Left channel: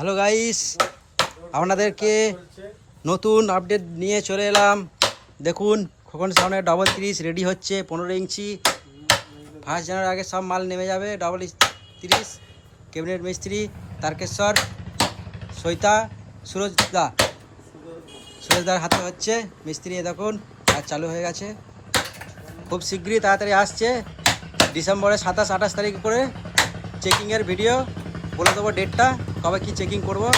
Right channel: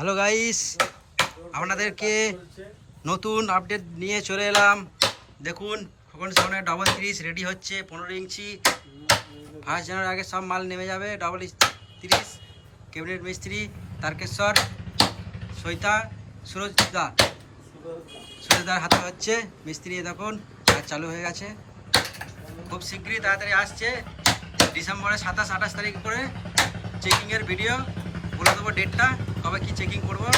Hello guys, আপনাদেরকে নতুন update নিয়ে চলে এলাম। দেখুন, খোকন সাউন্ডের 30 রেডি হচ্ছে। 15 ইঞ্চি 1 জানুয়ারির আগে সব মাল নেমে যাবে। 30 ক্যাবিনেট মিস্ত্রি তারকেশ্বর, সৈতা, সুরজদার হাতে হচ্ছে মিস্ত্রি। দেখুন আর চালু হয়ে গেছে। খুব শীঘ্রই তাড়াতাড়ি আসছে। ডিসেম্বরের 27-28 তারিখ করে চেকিংয়ের ভিডিও বলে দেবো, ডেটটা কবে কি চেকিং করবো।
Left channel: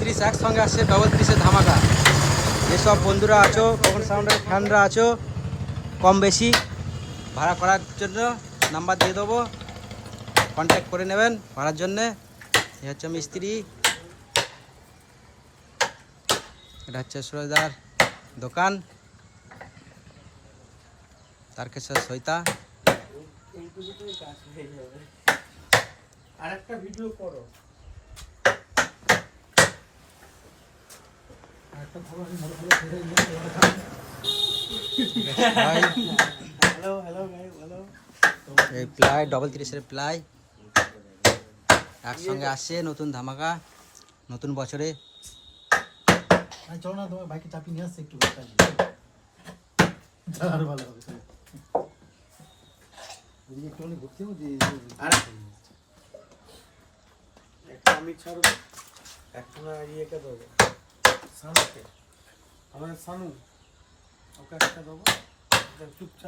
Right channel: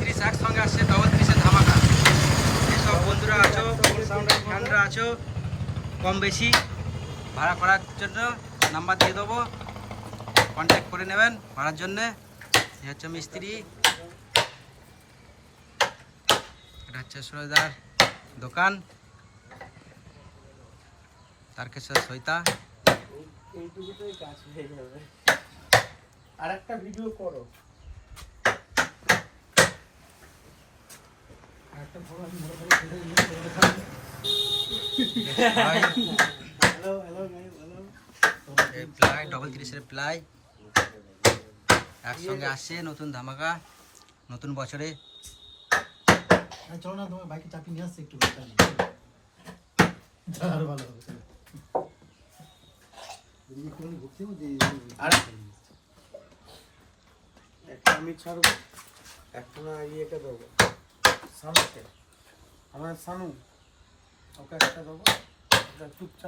30 একসঙ্গে আসছে। 30-এর ধামাকা। যেসব বন্ধুরা আছো, ফ্যানরা আছো, কম বেশি ভাড়া করার জন্য নাম্বার দিয়ে দেবো, কন্ট্যাক্ট করে নেবেন ভাড়ার জন্যে। এ হচ্ছে মিস্ত্রি, এটা হচ্ছে সুরজদার দোকান, তারকেশ্বর সৈতা। এইটুকুতেই কাজ হয়ে যাবে। আর একটা ভিডিও করো। এই প্লাই 30-এর প্লাই একসঙ্গে আসছে। নতুন ধামাকা নতুন বছরে। চলো না, তোমার বাইকে চাপি নিয়ে আসছে একটু ভালো হবে। একটা আমি ছাড়বো, একটা ইয়েকে দেবো, সানুকে, আমার সানু, ওকে একটা দেবো, চুপচাপ।